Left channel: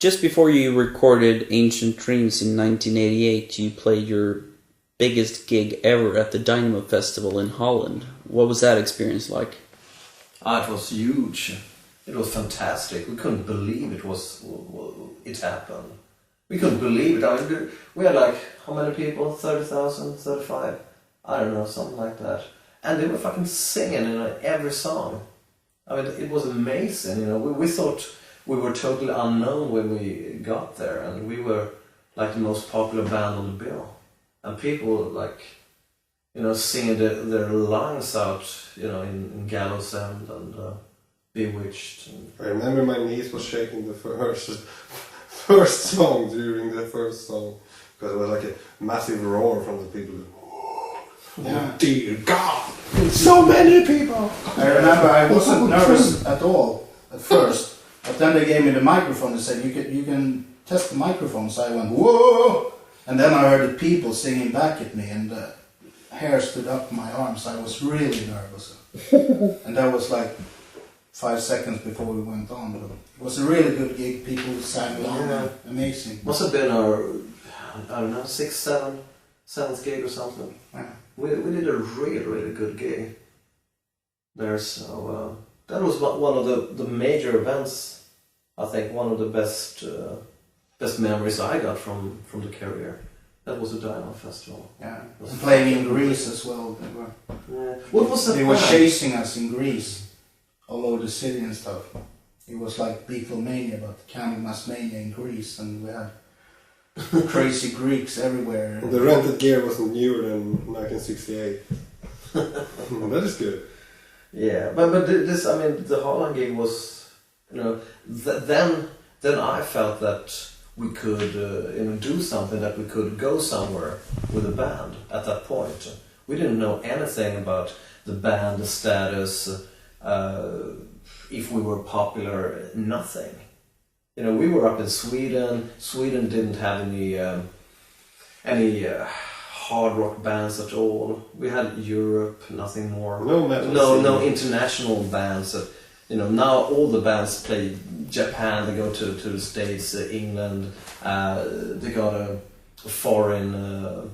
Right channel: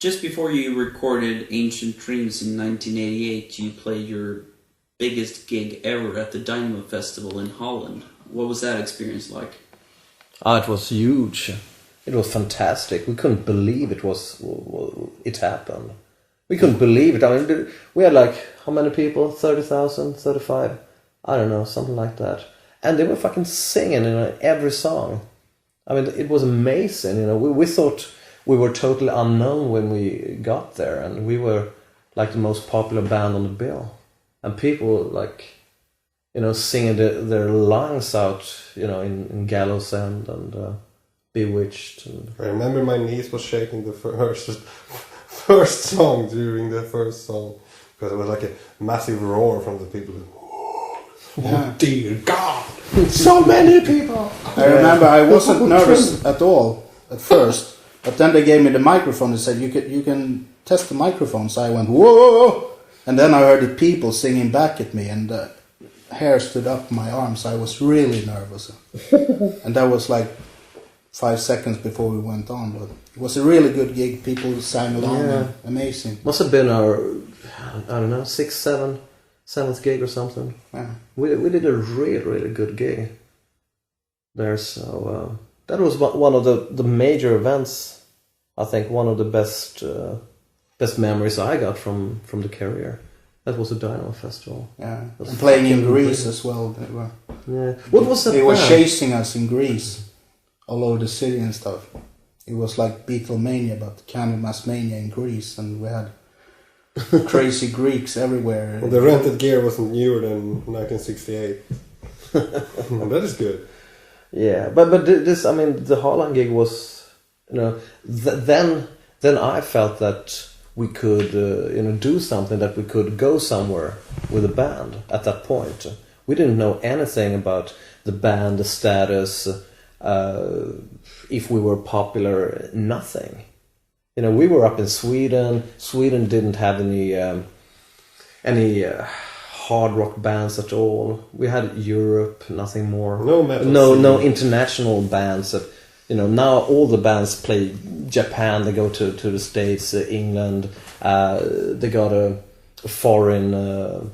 Just before you recorded Ancient Dreams in 1988, you played your biggest gig ever at the Dynamo Festival in Holland. What was that experience like? It was huge. It was fantastic. We couldn't believe it happened. We couldn't believe it. I mean, we had like, how many people? 30,000, 35? I don't know, something like that. And they were fucking singing in every song. I mean, it was amazing. You know, we thought we were totally unknown when we got there, and we were like the most popular band on the bill. And people like, you know, singing their lungs out, you know, in Gallows End and Bewitched. And I remember my knees was shaking the first song during the first song, because it was like a massive roar from the people. Yeah. Oh dear God! So many people! I remember I wasn't nervous at all at first, but then they gave me the microphone and said, you can test the microphone. So I went, whoa! And then I heard the people singing back at me, and the hair stood up my arms. I was really nervous. And that was like 5 seconds before we went on. But it was a really good gig. People sang along. Yeah. Amazing. must have been our, I don't know, 6th, 7th gig or something. Yeah. We did a really, really good gig there. So that was one of the major events. I think one of the best memories I got from the career. That was the Dynamo Festival. Yeah. And playing in Greece as well. Yeah. What was that? They were band? chasing us in Greece, all over the city and stuff. It was like Beatlemania, but Candlemass Mania in Greece, and we had crazy Greeks everywhere. Well, the rented gear wasn't newer than 1968. That is good. Yeah, but this, I mean, the Holland gig was, you know, then I felt that we could, you know, do something, that we could go somewhere with a band at that point. We didn't know anything about the band, the status, if we were popular, nothing. You know, we were up in Sweden. Sweden didn't have any hard rock bands at all. We had Europe, nothing more. No metal. No international bands. You know, now all the bands play Japan. They go to the States, England. They got a foreign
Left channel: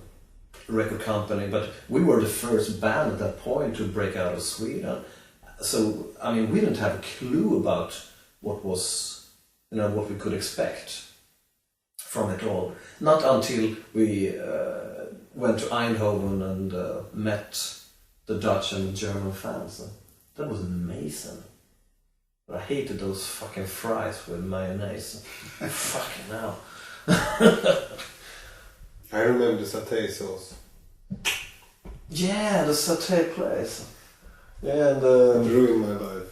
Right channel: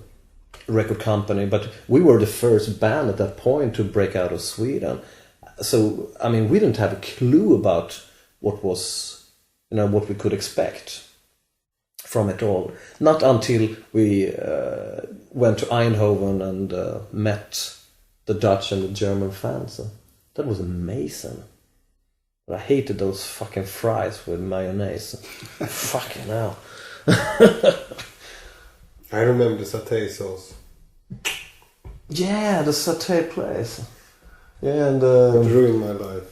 record company, but we were the first band at that point to break out of Sweden. So I mean, we didn't have a clue about what was, you know, what we could expect from it all. Not until we went to Eindhoven and met the Dutch and the German fans. That was amazing. But I hated those fucking fries with mayonnaise. Fucking hell. I remember the satay sauce. Yeah, the satay place. Yeah, and It ruined my life.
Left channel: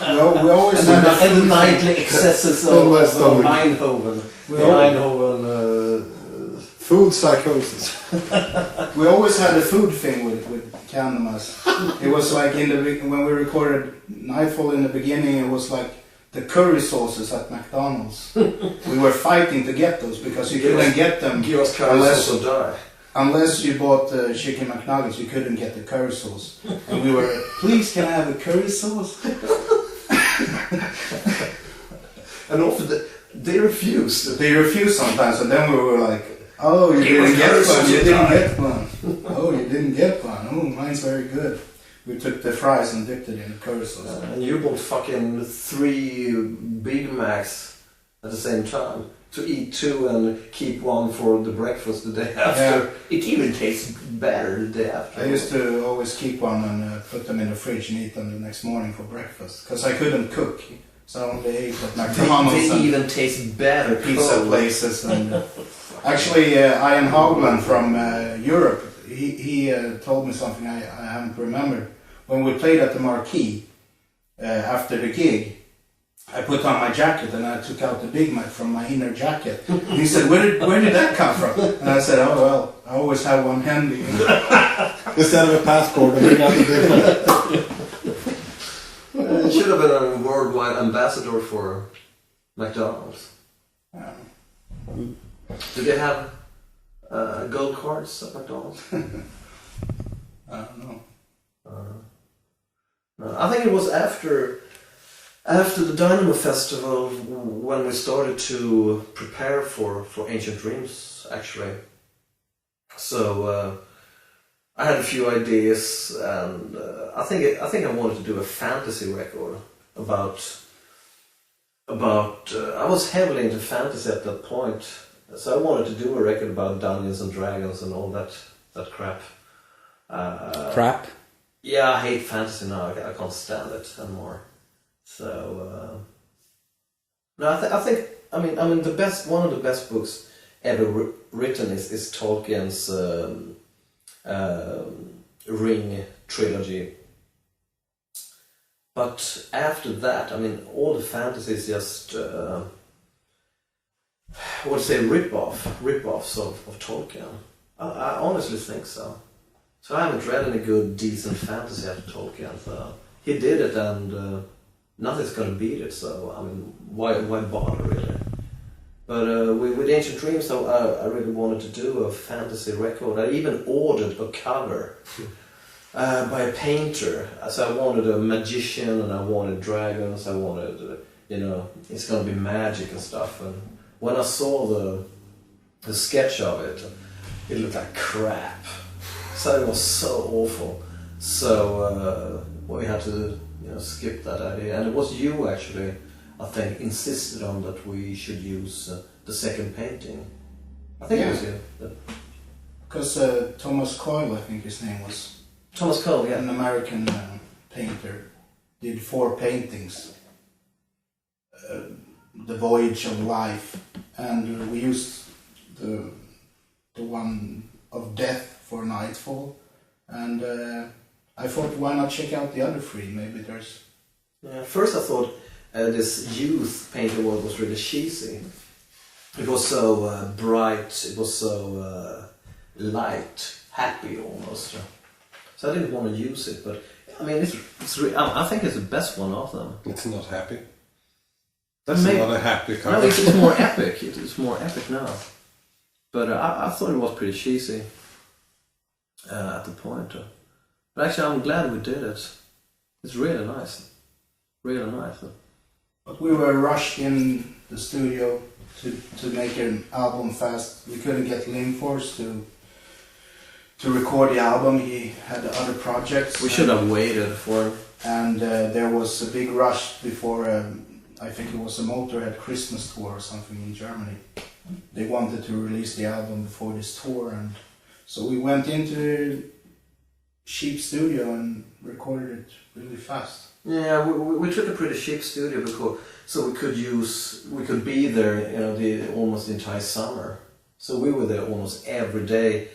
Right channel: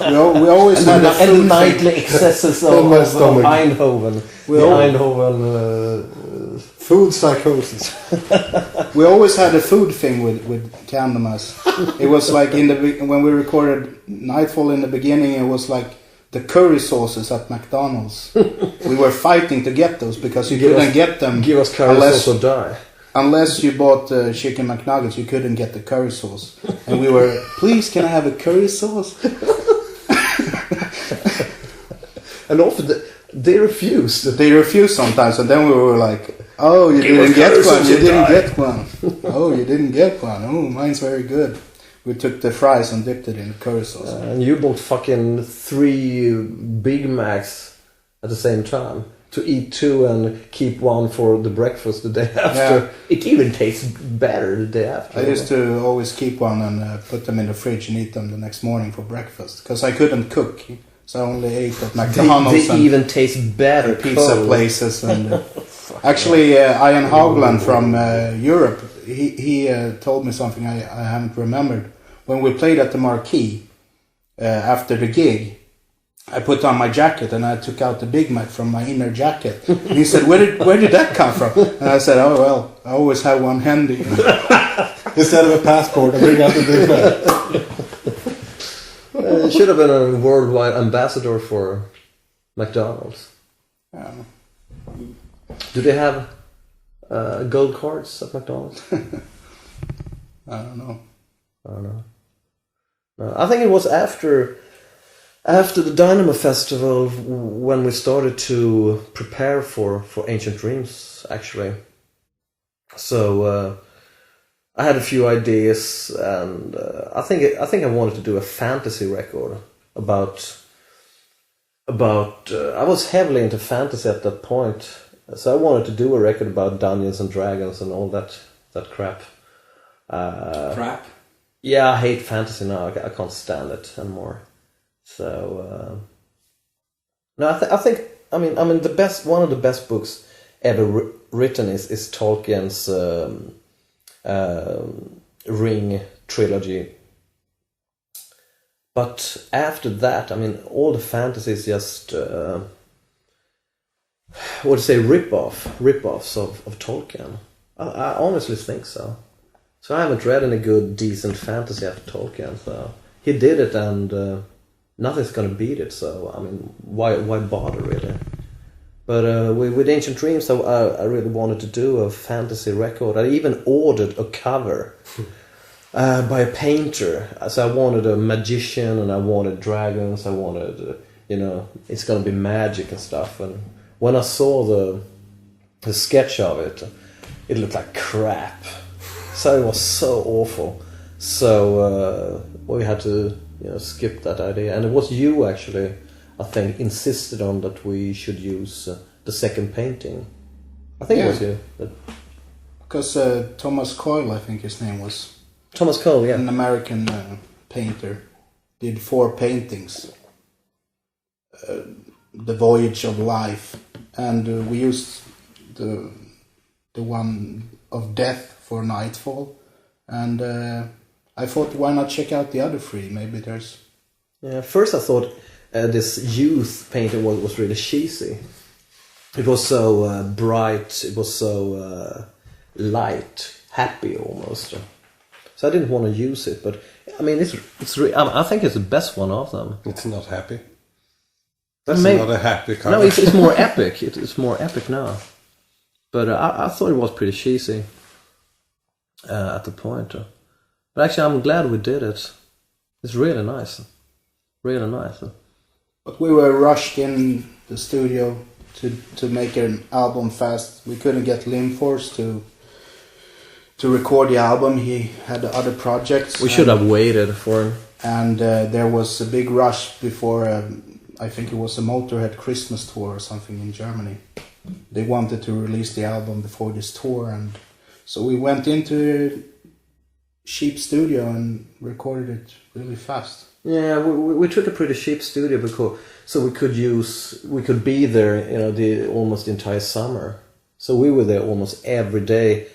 We always had a and the food nightly thing. excesses On my of stomach. Eindhoven. Eindhoven. Food psychosis. We always had a food thing with Candlemass. It was like when we recorded Nightfall in the beginning, it was like the curry sauces at McDonald's. We were fighting to get those because you couldn't get them Give us curry sauce or die. unless you bought the chicken McNuggets. You couldn't get the curry sauce, and we were, please, can I have a curry sauce? And often they refused. They refused sometimes, and then we were like, oh, you didn't get one. You didn't get one. Oh, you didn't get one. Oh, mine's very good. We took the fries and dipped it in the curry sauce. And you bought fucking 3 Big Macs at the same time to eat 2 and keep 1 for the breakfast the day after. Yeah. It even tastes better the day after. I used to always keep one and put them in the fridge and eat them the next morning for breakfast because I couldn't cook, so I only ate at McDonald's They even taste better. pizza cold. places. And actually, Ian Haugland from Europe, he told me something I haven't remembered. When we played at the Marquee after the gig, I put on my jacket and I took out the Big Mac from my inner jacket. And he said, where did that come from? And I said, oh well, I always have one handy. Instead of a passport, I bring out the Big Mac. You should have been a worldwide ambassador for McDonald's. Do they have gold cards at McDonald's? I don't know. I think it was after After the Dynamo Festival, when we started to prepare for Ancient Dreams, actually. So I had a few ideas, and I think I wanted to do a fantasy record about. I was heavily into fantasy at that point, so I wanted to do a record about Dungeons and Dragons and all that crap. Crap. Yeah, I hate fantasy now. I can't stand it anymore. So no, I think the best, one of the best books ever written is Tolkien's Ring trilogy. But after that, all the fantasy is just rip-offs of Tolkien. I honestly think so. So I haven't read any good, decent fantasy after Tolkien. So he did it, and nothing's gonna beat it. So why bother really? But with Ancient Dreams, I really wanted to do a fantasy record. I even ordered a cover by a painter. So I wanted a magician, and I wanted dragons. I wanted, it's gonna be magic and stuff. And when I saw the sketch of it, it looked like crap. So it was so awful. So we had to skip that idea. And it was you actually, I think, insisted on that we should use the second painting. I think it was you. Because Thomas Coyle, I think his name was. Thomas Cole, yeah. An American painter. Did 4 paintings. The Voyage of Life. And we used the one of Death for Nightfall. And I thought, why not check out the other 3? Maybe there's... Yeah, first I thought this youth painter was really cheesy. It was so bright, it was so light, happy almost. So I didn't want to use it, but I think it's the best one of them. It's not happy. But It's not a happy cover. No, it's more epic. It's more epic now. But I thought it was pretty cheesy at the point. But actually, I'm glad we did it. It's really nice. Really nice. But we were rushed in the studio to make an album fast. We couldn't get Limforce to record the album. He had other projects. We should have waited for him. And there was a big rush before, I think it was a Motorhead Christmas tour or something in Germany. They wanted to release the album before this tour, and so we went into cheap studio and recorded it really fast. Yeah, we took a pretty cheap studio because so we could be there, almost the entire summer. So we were there almost every day,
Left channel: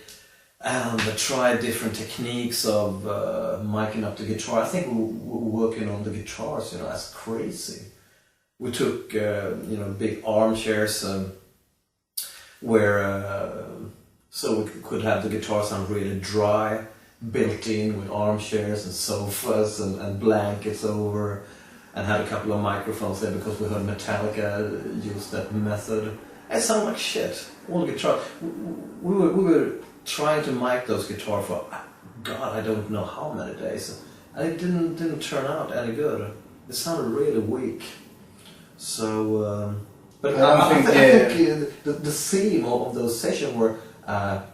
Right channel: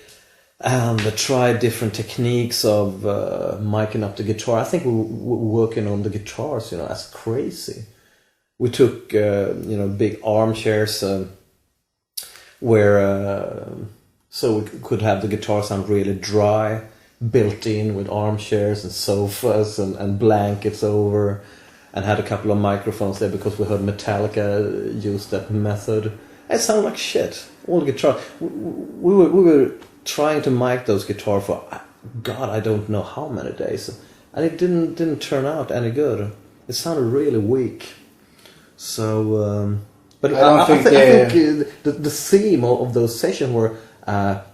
and tried different techniques of miking up the guitar. I think we were working on the guitars, as crazy. We took big armchairs where so we could have the guitar sound really dry, built in with armchairs and sofas and blankets over, and had a couple of microphones there because we heard Metallica use that method. It sounded like shit. All the guitar. We were trying to mic those guitars for God, I don't know how many days, and it didn't turn out any good. It sounded really weak. So, but I think the theme of those sessions were.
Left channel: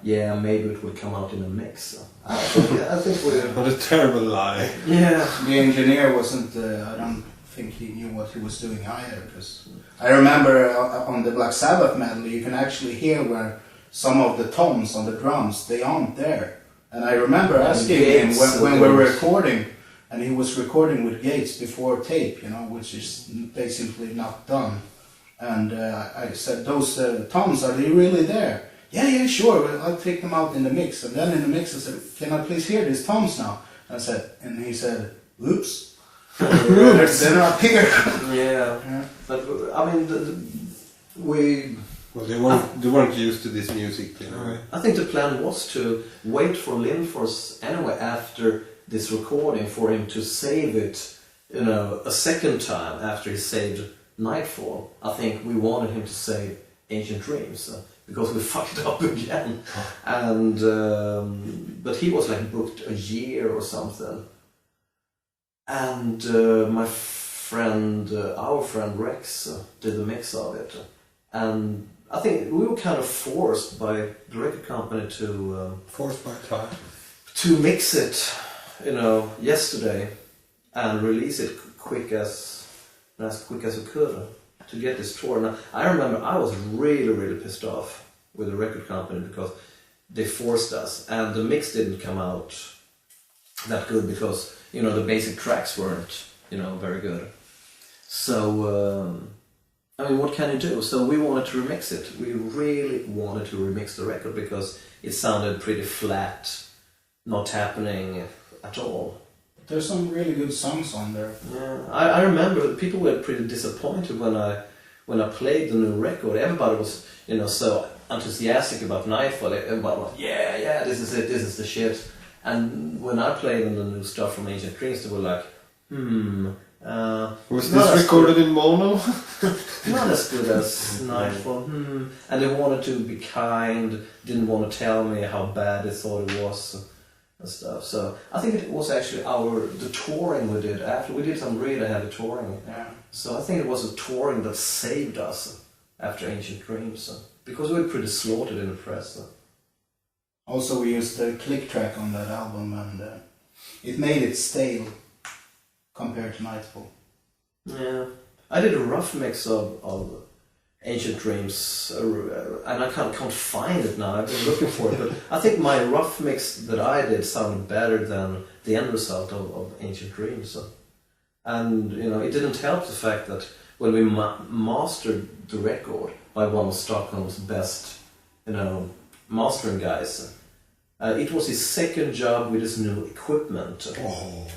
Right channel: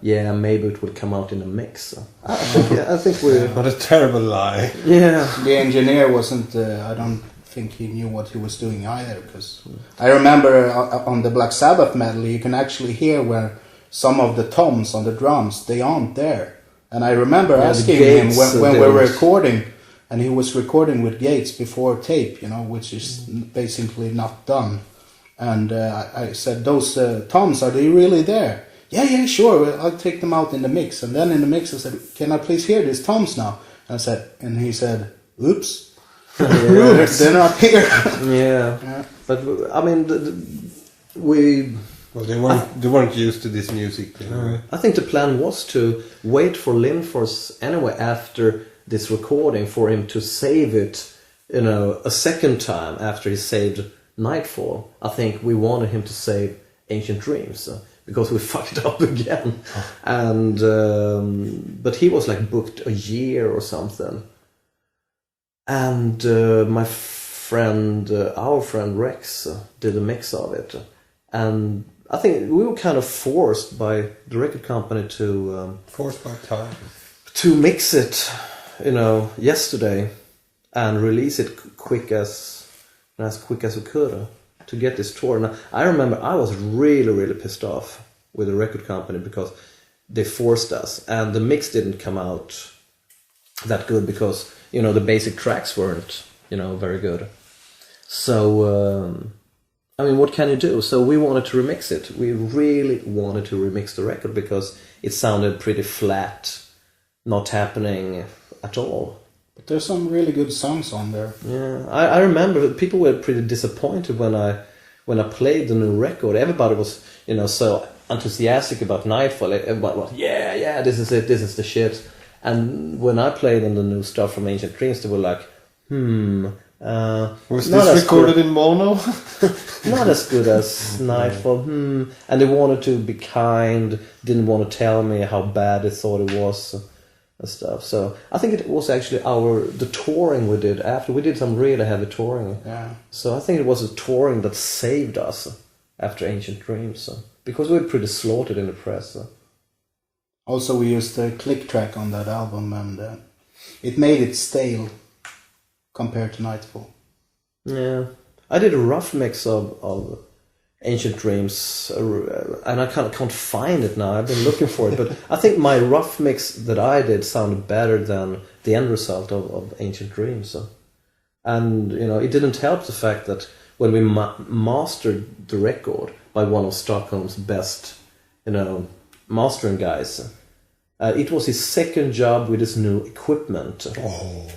Maybe it will come out in a mix. I think we're... What a terrible lie. Yeah. The engineer wasn't... I don't think he knew what he was doing either. Because I remember on the Black Sabbath medley, you can actually hear where some of the toms on the drums, they aren't there. And I remember asking him when we were recording, and he was recording with Gates before tape, which is basically not done. And I said, those toms, are they really there? Yeah, sure, I'll take them out in the mix. And then in the mix I said, can I please hear these toms now? And he said, oops. They're not here. Yeah. But Well, they weren't used to this music anyway. I think the plan was to wait for Limforce anyway after this recording for him to save it, a second time after he saved Nightfall. I think we wanted him to save Ancient Dreams. Because we fucked up again, and but he was booked a year or something, and my our friend Rex did a mix of it, and I think we were kind of forced by the record company to Forced by time. to mix it, yesterday, and release it as quick as we could to get this tour. Now, I remember I was really, really pissed off with the record company because they forced us, and the mix didn't come out that good because the basic tracks weren't very good. So what can you do? So we wanted to remix it. We really wanted to remix the record because it sounded pretty flat, not happening at all. But there's some really good songs on there. Yeah, I remember people were pretty disappointed when I played the new record. Everybody was so enthusiastic about Nightfall. Everybody was this is it, this is the shit. And when I played on the new stuff from Ancient Dreams, they were like, was this recorded in mono? Not as good as Nightfall. And they wanted to be kind, didn't want to tell me how bad they thought it was and stuff. So I think it was actually the touring we did after. We did some really heavy touring. Yeah. So I think it was the touring that saved us after Ancient Dreams. Because we were pretty slaughtered in the press. Also, we used the click track on that album, and it made it stale compared to Nightfall. Yeah, I did a rough mix of Ancient Dreams, and I can't find it now. I've been looking for it, but I think my rough mix that I did sounded better than the end result of Ancient Dreams. And it didn't help the fact that when we mastered the record by one of Stockholm's best, mastering guys, it was his second job with his new equipment. Oh.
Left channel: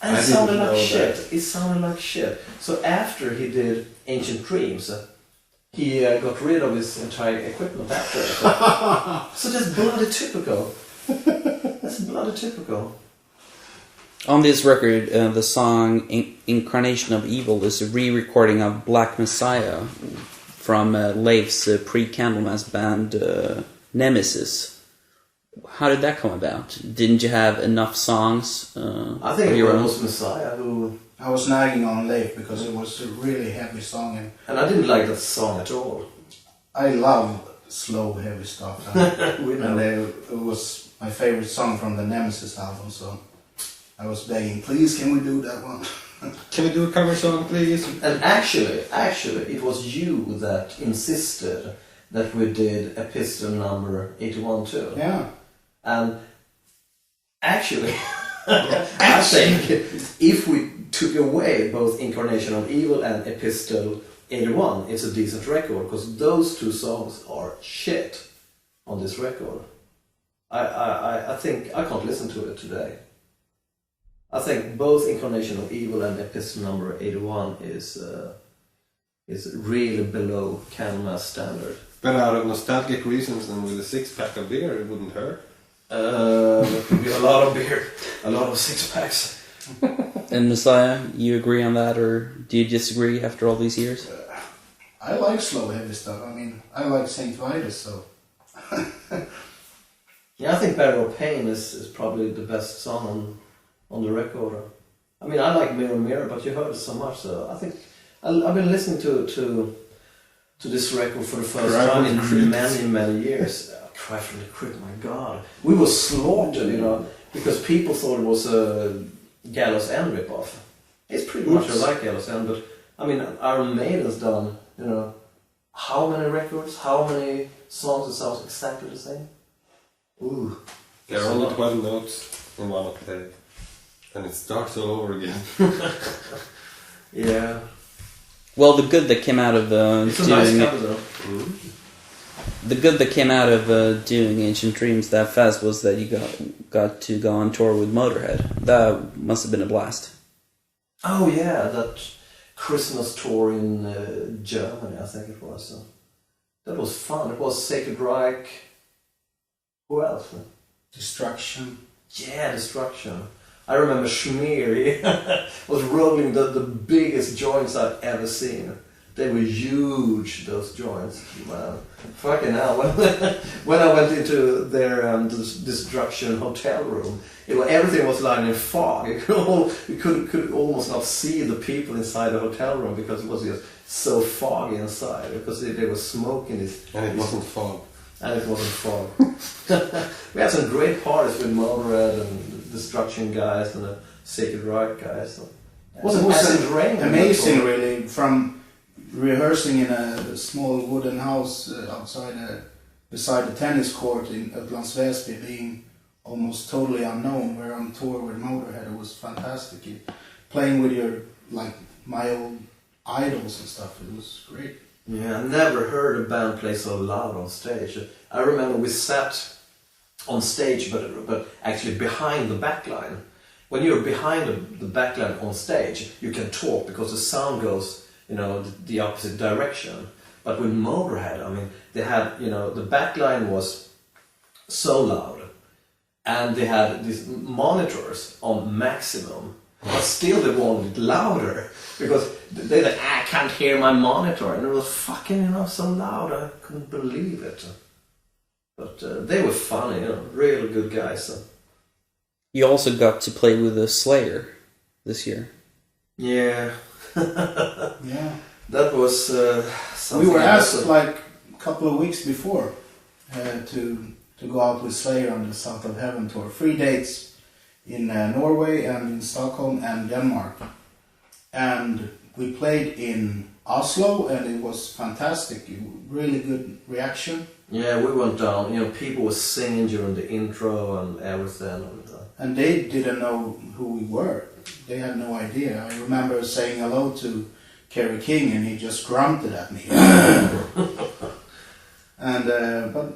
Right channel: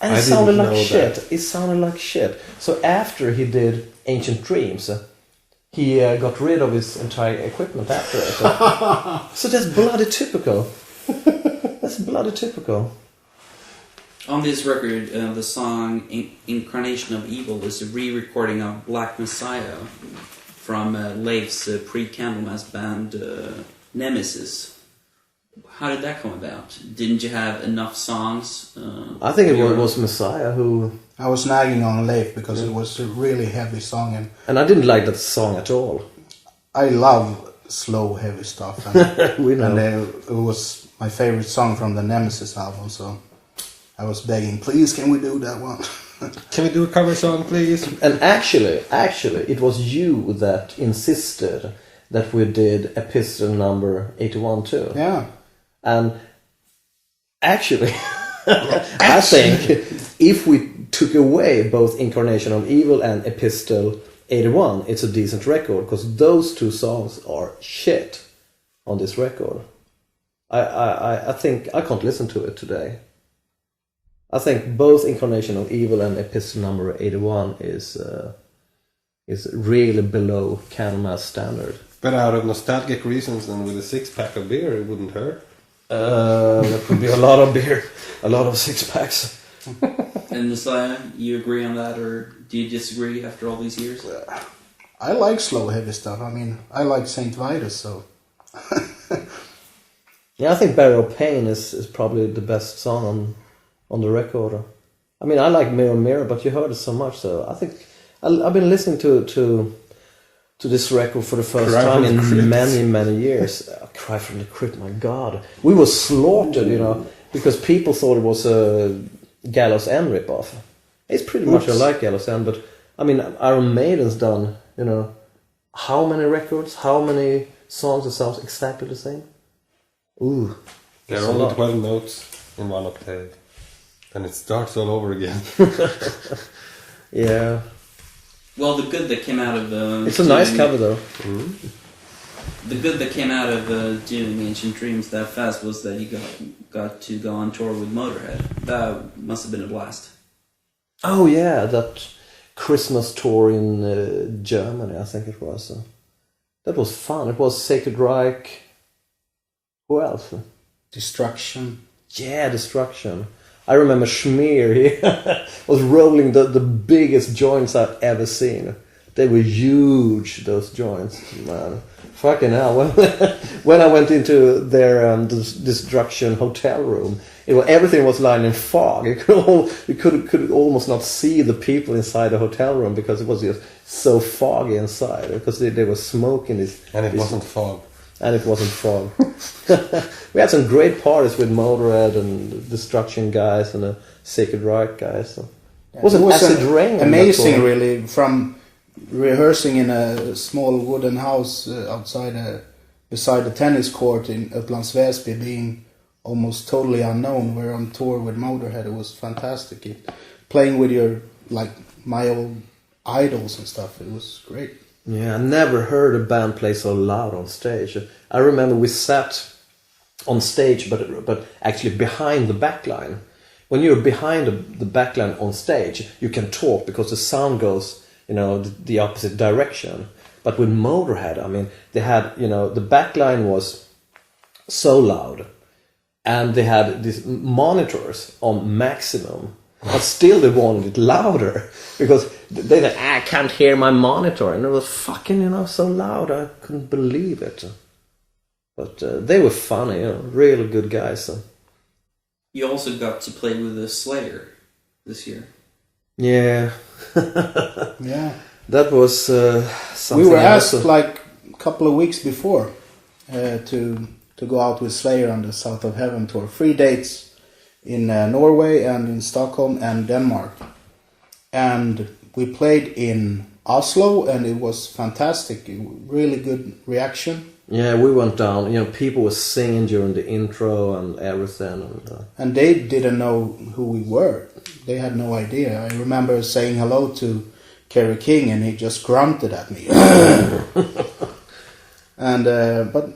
And it sounded like shit. It sounded like shit. So after he did Ancient Dreams, he got rid of his entire equipment after it. So that's bloody typical. That's bloody typical. On this record, the song Incarnation of Evil is a re-recording of Black Messiah from Leif's pre-Candlemass band Nemesis. How did that come about? Didn't you have enough songs? I think it was Messiah who... I was nagging on Leif because it was a really heavy song. And I didn't like that song at all. I love slow, heavy stuff. And, We know. And it was my favorite song from the Nemesis album, so I was begging, please, can we do that one? Can we do a cover song, please? And actually, it was you that insisted that we did Epistle number 81 too. Yeah. And actually, I think if we took away both Incarnation of Evil and Epistle 81, it's a decent record, because those two songs are shit on this record. I think I can't listen to it today. I think both Incarnation of Evil and Epistle number 81 is really below Candlemass standard. But out of nostalgic reasons and with a 6-pack of beer, it wouldn't hurt. There could be a lot of beer, a lot of 6-packs. And Messiah, you agree on that, or do you disagree after all these years? I like slow, heavy stuff. I mean, I like St. Vitus, so... Yeah, I think Barrel of Pain is probably the best song on the record. I mean, I like Mirror Mirror, but you heard it so much, so I think I've been listening to this record for the first time in many years. Cry from the Crypt, my God. We were slaughtered, because people thought it was a Gallows End ripoff. It's pretty much like Gallows End, but I mean, Iron Maiden's done, how many records, how many songs that sounds exactly the same? Ooh. There are only 12 notes in one octave. And it starts all over again. Yeah. Well, the good that came out of it's a nice cover, though. The good that came out of doing Ancient Dreams that fast was that you got to go on tour with Motorhead. That must have been a blast. Oh yeah, that Christmas tour in Germany, I think it was. That was fun. It was Sacred Reich. Who else? Destruction. Yeah, Destruction. I remember Schmier, he was rolling the biggest joints I've ever seen. They were huge, those joints, man. Fucking hell. When I went into their Destruction hotel room, everything was lying in fog. You could almost not see the people inside the hotel room because it was just so foggy inside. Because they were smoking this. And it wasn't fog. And it wasn't fog. We had some great parties with Motorhead and Destruction guys and the Sacred Reich guys. So. It was Acid Rain amazing, really, from rehearsing in a small wooden house beside the tennis court in Upplands Väsby, being almost totally unknown. We're on tour with Motorhead. It was fantastic. Playing with my old idols and stuff. It was great. Yeah, I never heard a band play so loud on stage. I remember we sat on stage, but actually behind the backline. When you're behind the backline on stage, you can talk because the sound goes, the opposite direction. But with Motorhead, I mean, they had, the backline was so loud, and they had these monitors on maximum, but still they wanted it louder because they said, I can't hear my monitor, and it was fucking, so loud, I couldn't believe it. But they were funny, really good guys. So. You also got to play with the Slayer this year. Yeah. Yeah. That was something. We were asked a couple of weeks before to go out with Slayer on the South of Heaven tour. 3 dates in Norway and in Stockholm and Denmark. And we played in Oslo, and it was fantastic. Really good reaction. Yeah, we went down. People were singing during the intro and everything. And they didn't know who we were. They had no idea. I remember saying hello to Kerry King, and he just grunted at me. And but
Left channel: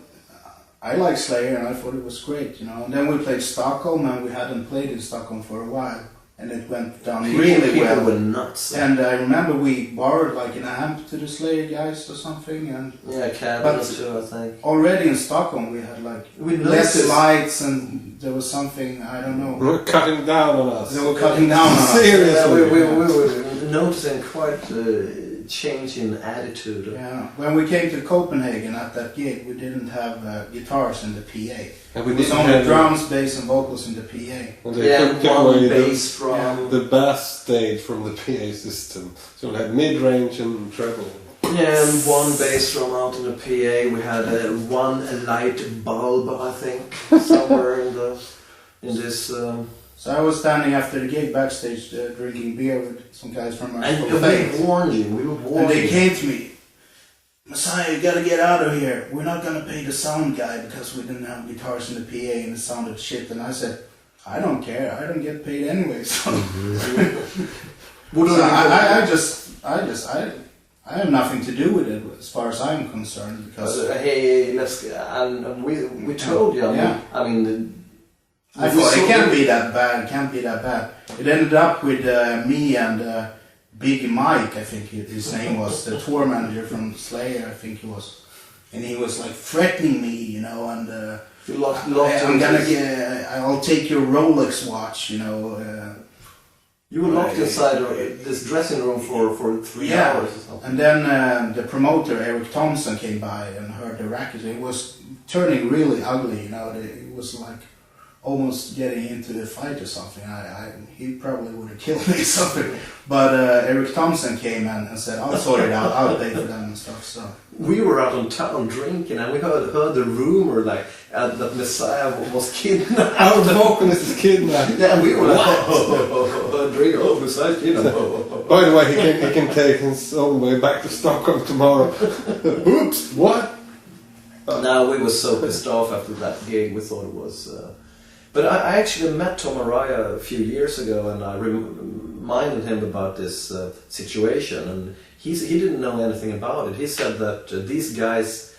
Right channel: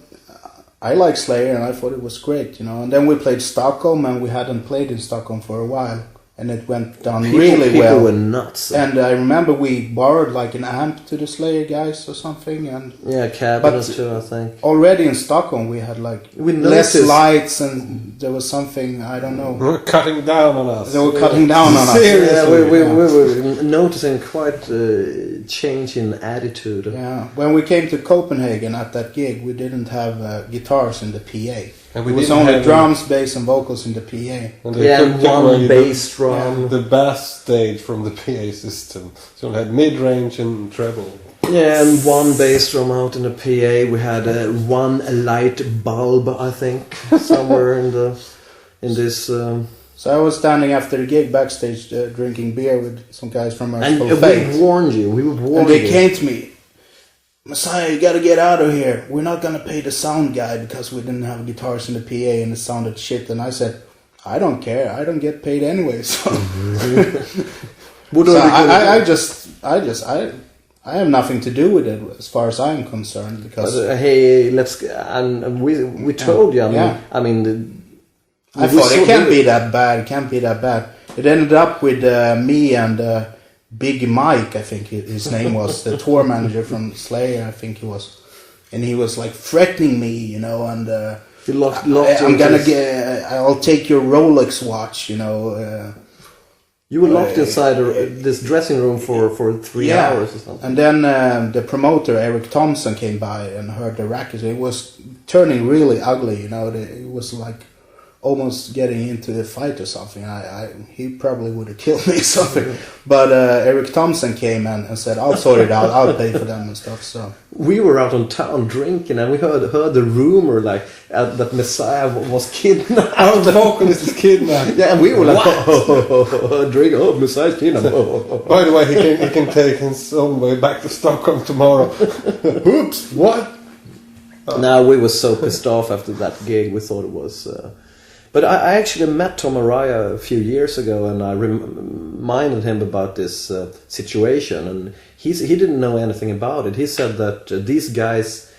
I like Slayer, and I thought it was great, And then we played Stockholm, and we hadn't played in Stockholm for a while. And it went down really well. People were nuts. And I remember we borrowed an amp to the Slayer guys or something. And yeah, cabinets too, I think. Already in Stockholm we had less lights, and there was something, I don't know. They were cutting down on us. They were cutting down on us. Seriously. Yeah, we were noticing quite a change in attitude. Yeah, when we came to Copenhagen at that gig, we didn't have guitars in the PA. And we it was didn't only have drums, bass and vocals in the PA. And they took one away bass drum. the bass stage from the PA system. So we had mid-range and treble. Yeah, and one bass drum out in the PA. We had one light bulb, I think, somewhere in this. So I was standing after the gig backstage drinking beer with some guys from our And school. we warned you. And they came to me. Messiah, you gotta get out of here. We're not gonna pay the sound guy because we didn't have guitars in the PA and it sounded shit. And I said, I don't care. I don't get paid anyway. So, I have nothing to do with it as far as I'm concerned. Because hey, and we told you. I mean, I thought it can't be that bad. It can't be that bad. It ended up with me and Big Mike, I think his name was, the tour manager from Slayer, I think he was. And he was threatening me, and I'll take your Rolex watch, You were locked inside this dressing room for 3 hours or something. And then the promoter, Eric Thompson, came by and heard the racket. It was turning really ugly, It was almost getting into the fight or something. He probably would have killed me or something. But Eric Thompson came and said, I'll sort it out, I'll pay for them and stuff. So we were out on town drinking, and we heard the rumor that Messiah was kidnapped. Our vocalist is kidnapped. Yeah, and we were drink, Messiah's kidnapped. By the way, he can take his own way back to Stockholm tomorrow. Oops, what? No, we were so pissed off after that gig. We thought it was... But I actually met Tom Araya a few years ago, and I reminded him about this situation, and he didn't know anything about it. He said that these guys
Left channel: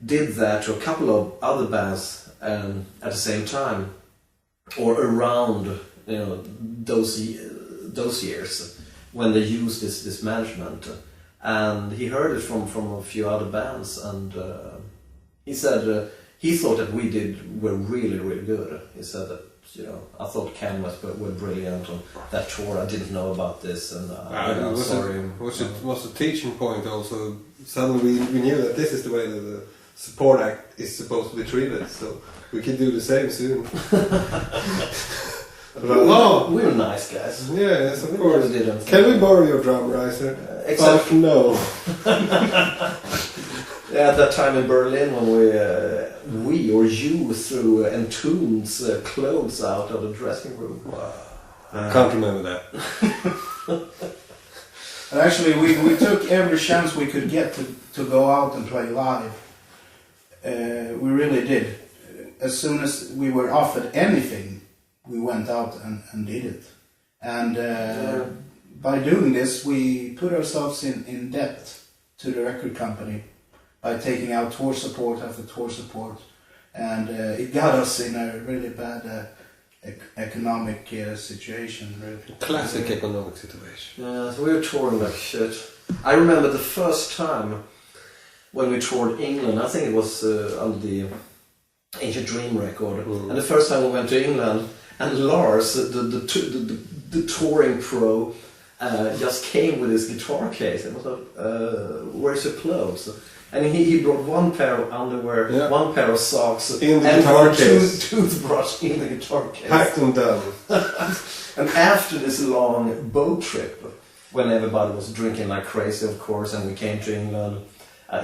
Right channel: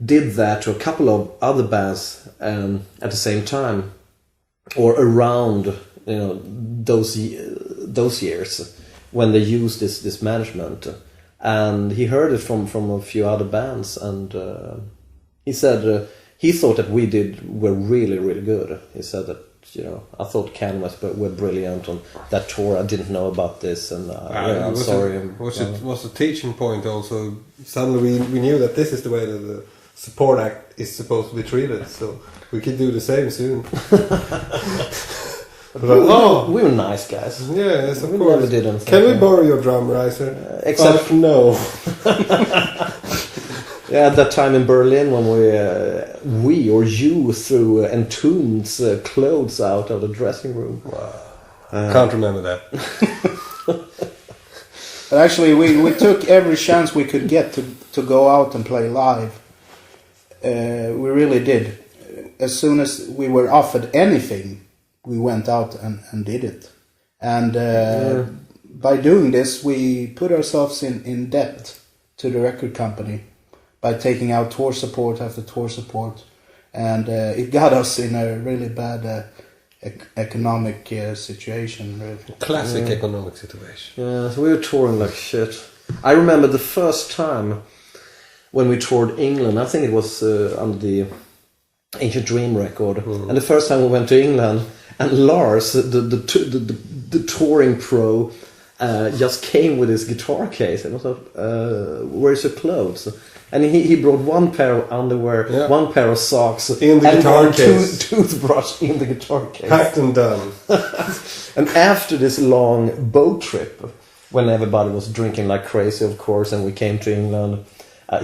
did that to a couple of other bands at the same time, or around those years when they used this management, and he heard it from a few other bands, and he said. He thought that we were really, really good. He said that you know, I thought Candlemass were brilliant on that tour. I didn't know about this, and I'm sorry. It was a teaching point also. Suddenly we knew that this is the way that the support act is supposed to be treated, so we could do the same soon. We were nice guys. Yes, of We course. never did anything. Can we borrow your drum riser? Except no. yeah, at that time in Berlin when we or you threw Entombed's clothes out of the dressing room. Wow. Can't remember that. But actually, we took every chance we could get to go out and play live. We really did. As soon as we were offered anything, we went out and did it. And by doing this, we put ourselves in debt to the record company by taking out tour support after tour support. And it got us in a really bad economic situation. Really. Classic economic situation. Yeah, so we were touring like shit. I remember the first time when we toured England, I think it was under the Ancient Dream record. And the first time we went to England, and Lars, the touring pro, just came with his guitar case and was like, "Where's your clothes?" And he brought one pair of underwear, one pair of socks, in the guitar case, toothbrush in the guitar case. Packed and done. And after this long boat trip, when everybody was drinking like crazy, of course, and we came to England,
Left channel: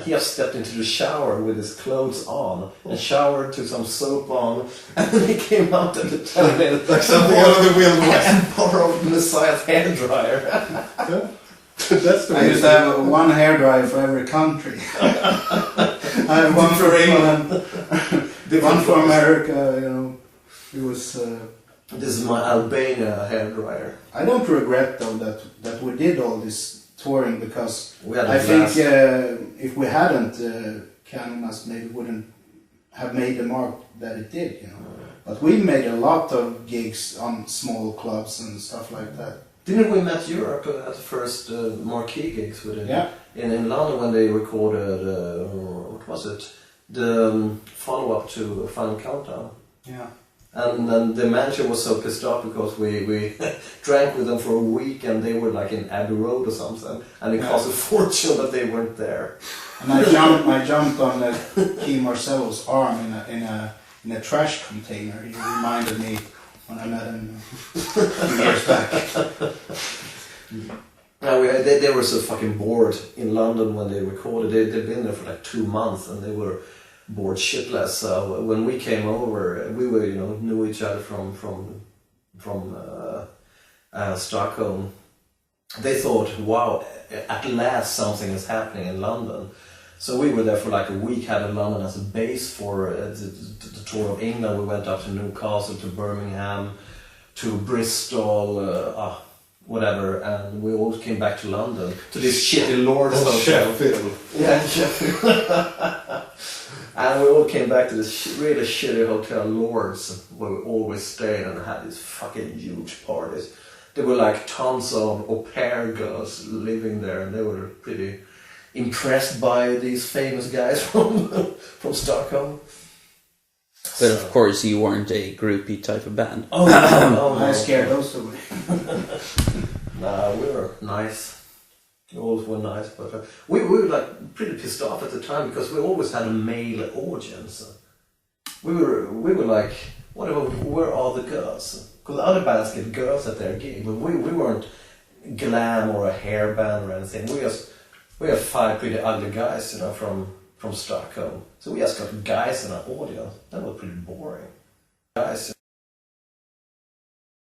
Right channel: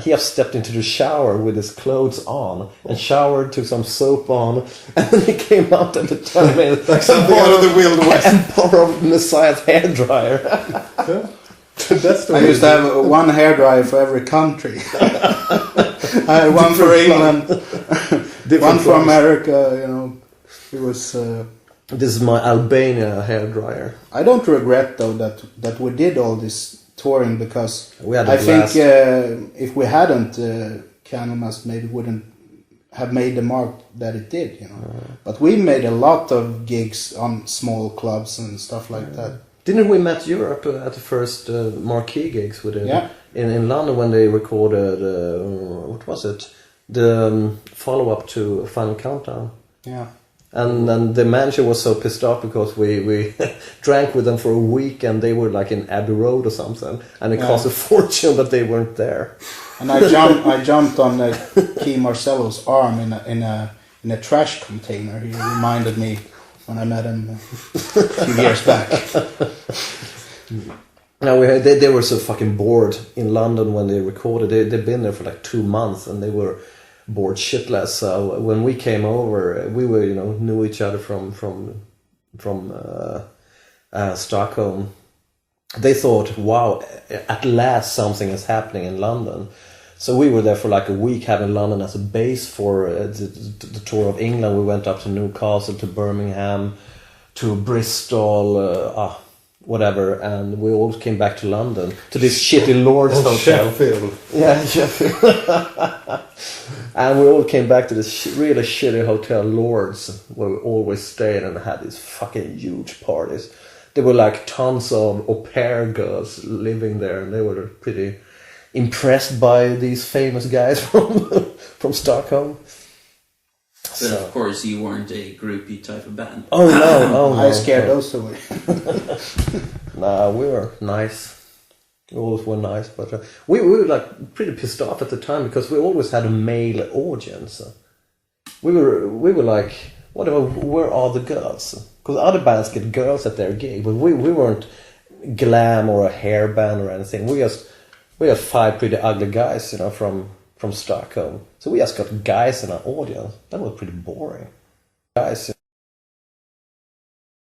he just stepped into the shower with his clothes on and showered, took some soap on, and then he came out at the time like something out of the Wild West and borrowed Messiah's hairdryer. That's the I used to have one hairdryer for every country. I had one for England, one for America. You know, it was. This is my Albania hairdryer. I don't regret though that we did all this touring, because I think if we hadn't, Candlemass maybe wouldn't have made the mark that it did, you know. But we made a lot of gigs on small clubs and stuff like that. Didn't we met Europe at the first marquee gigs we did? Yeah. In London when they recorded, what was it? The follow-up to Final Countdown. Yeah. And then the manager was so pissed off because we drank with them for a week and they were like in Abbey Road or something, and it cost a fortune that they weren't there. And I jumped on Key Marcello's arm in a trash container. He reminded me when I met him a few years back. Now they were so fucking bored in London when they recorded. They'd been there for like 2 months and they were bored shitless. So when we came over, we were, you know, knew each other from Stockholm. They thought, wow, at last something is happening in London. So we were there for like a week, having London as a base for the tour of England. We went up to Newcastle, to Birmingham, to Bristol, whatever, and we all came back to London, to this shitty Lord's hotel. Sheffield. Yeah, Sheffield. And we all came back to this really shitty hotel, Lord's, where we always stayed and had these fucking huge parties. There were like tons of au pair girls living there, and they were pretty impressed by these famous guys from Stockholm. But of course, you weren't a groupie type of band. Oh no, I scared those two. Nah, we were nice. We always were nice, but we were like pretty pissed off at the time because we always had a male audience. We were like, where are the girls? Because other bands get girls at their gig, but we weren't glam or a hair band or anything. We had 5 pretty ugly guys, you know, from Stockholm. So we just got guys in our audience. That was pretty boring. Guys.